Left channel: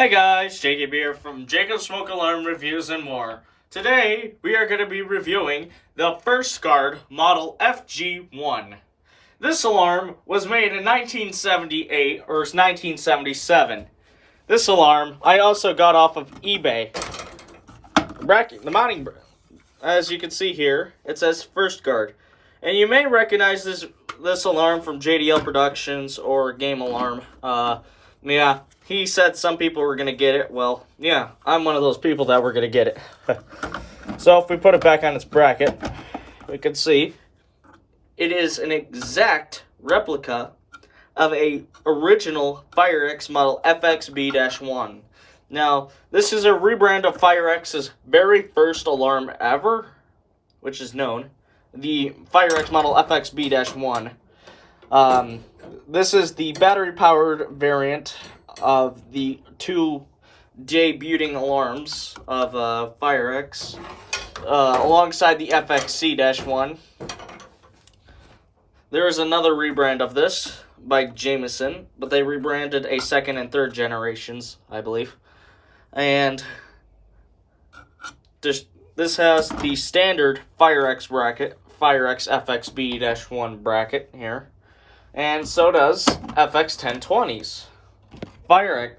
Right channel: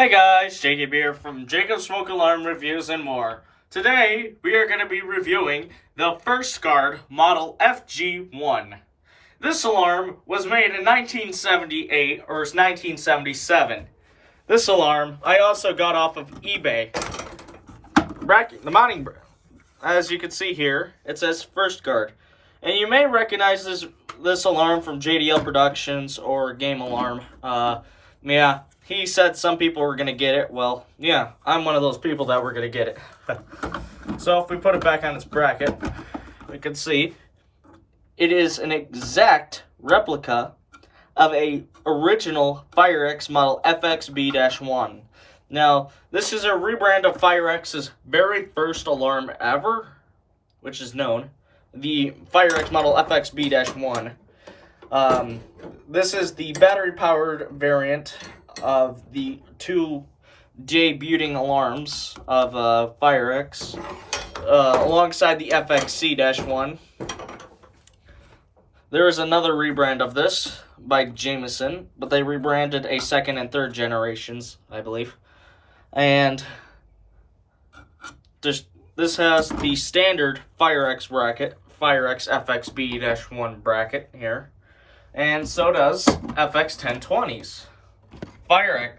Hey guys, Jacob here from Jacob's Smoke Alarm Reviews and more. Today, we are going to be reviewing the FirstGaurd Model FG-1. This alarm was made in 1978 or 1977. This alarm I also got off of eBay. The mounting, as you can see here, it says FirstGaurd. And you may recognize this alarm from JDL Productions or Game Alarm. Yeah. He said some people were going to get it. Well, yeah, I'm one of those people that were going to get it. So if we put it back on its bracket, we can see it is an exact replica of a original FireX model FXB-1. Now, this is a rebrand of FireX's very first alarm ever, which is known, the FireX model FXB-1. This is the battery-powered variant of the two debuting alarms of FireX, alongside the FXC-1. There is another rebrand of this by Jameson, but they rebranded a second and third generations, I believe. And this has the standard FireX bracket, FireX FXB-1 bracket here, and so does FX1020s.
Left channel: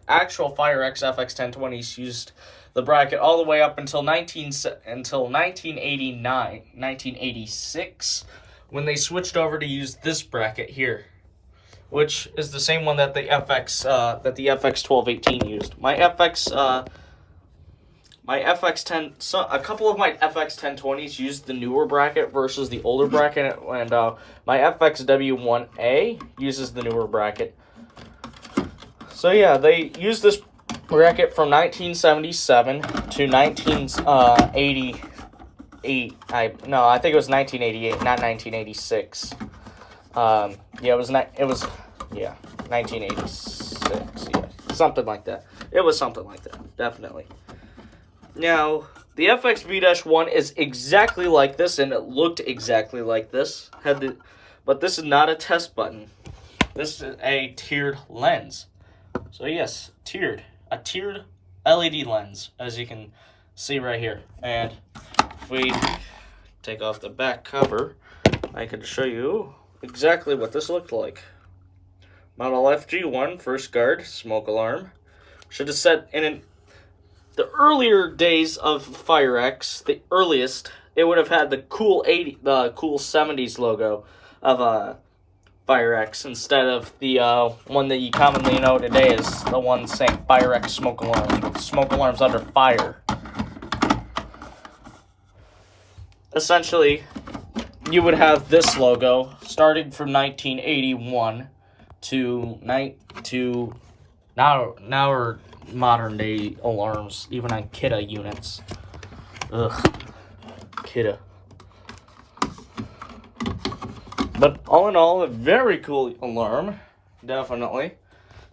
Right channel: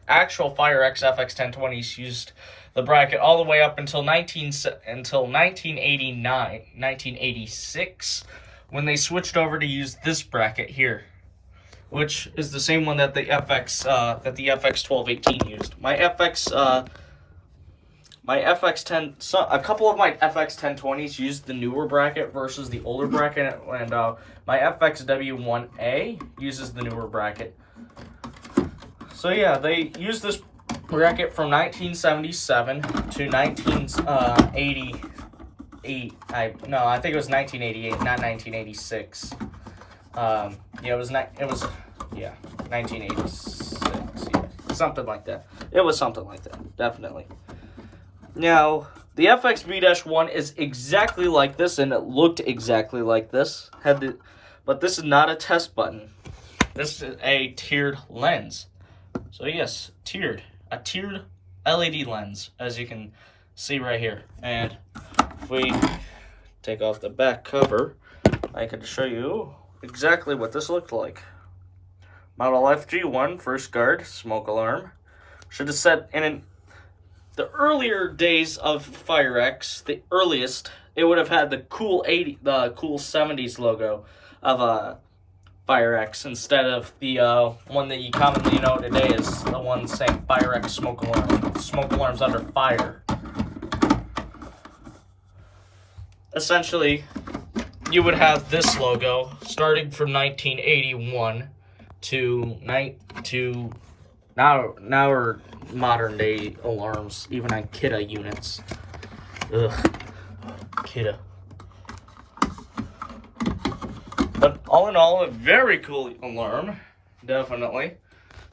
Actual FireX FX1020s used the bracket all the way up until 1986, when they switched over to use this bracket here, which is the same one that the FX1218 used. A couple of my FX1020s used the newer bracket versus the older bracket, and my FXW1A uses the newer bracket. So yeah, they used this bracket from 1977 to 1988. I think it was 1988, not 1986. It was 1986. Yeah, something like that. It was something like that, definitely. Now, the FXB-1 is exactly like this, and it looked exactly like this. But this is not a test button. This is a tiered lens. So yes, a tiered LED lens, as you can see right here. And if we take off the back cover, I can show you exactly what this looked like. Model FG-1 FirstGaurd smoke alarm. Should have said the earlier days of FireX, the earliest, it would have had the cool 70s logo of FireX instead of the one that you commonly know today is the one saying FireX smoke alarm. Smoke alarms under fire. Essentially, you would have this logo starting from 1981 to now are modern day alarms, even on Kidda units. Ugh, Kidda. But all in all, a very cool alarm, definitely.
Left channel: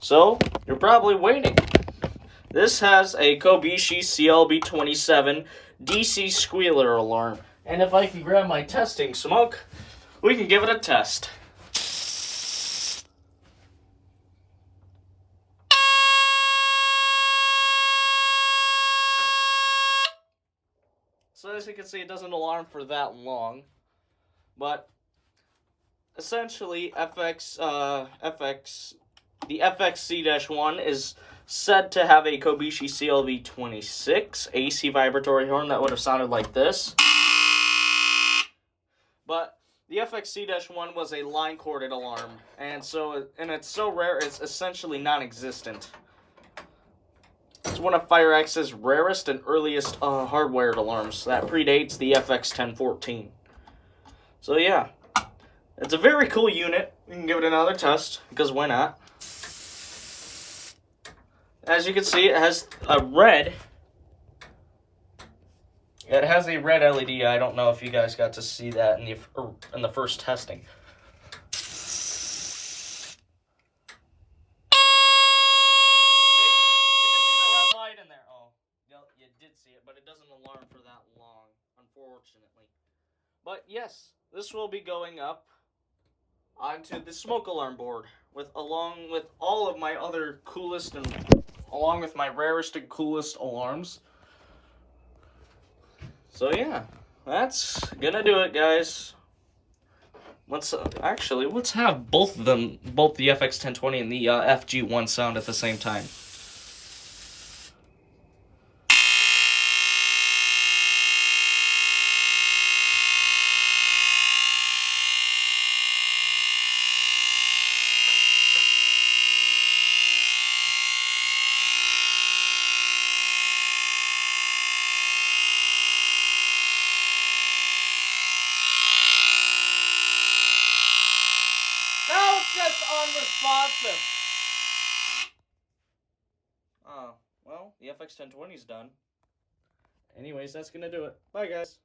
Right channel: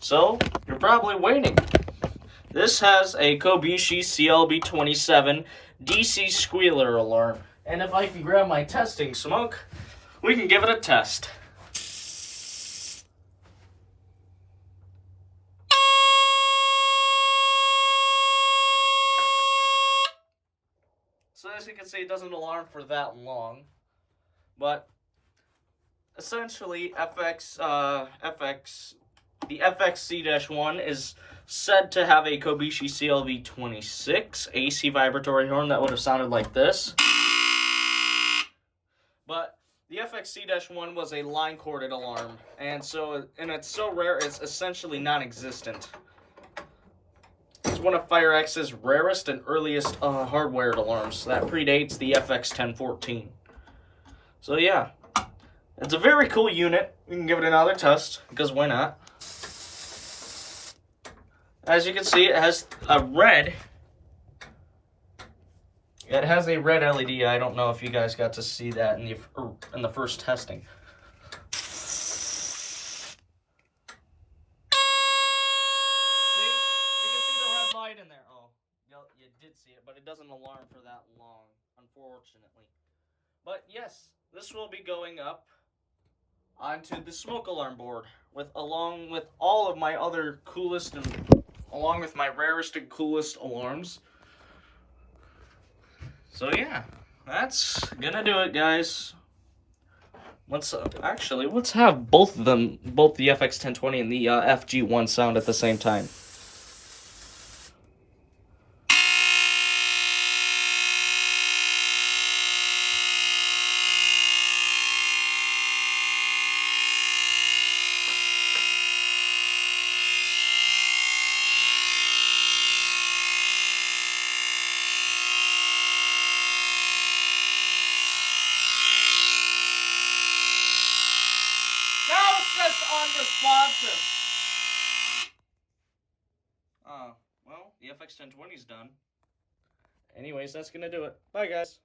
So, you're probably waiting. This has a Kobishi CLB27 DC squealer alarm. And if I can grab my testing smoke, we can give it a test. So as you can see, it doesn't alarm for that long, but essentially, the FXC-1 is said to have a Kobishi CLB26 AC vibratory horn that would have sounded like this. But the FXC-1 was a line-corded alarm, and it's so rare it's essentially non-existent. It's one of FireX's rarest and earliest hardwired alarms that predates the FX1014. So yeah. It's a very cool unit. We can give it another test, because why not? As you can see, it has a red. It has a red LED. I don't know if you guys got to see that in the first testing. See? You can see the red light in there. Oh, you did see it, but it doesn't alarm for that long, unfortunately. But yes, this will be going up onto the smoke alarm board along with all of my other coolest and along with my rarest and coolest alarms. So yeah, that's gonna do it, guys. Let's have both of them, both the FX1020 and the FG-1 sound at the same time. Now it's just unresponsive. Oh, well, the FX1020's done. Anyways, that's gonna do it. Bye, guys.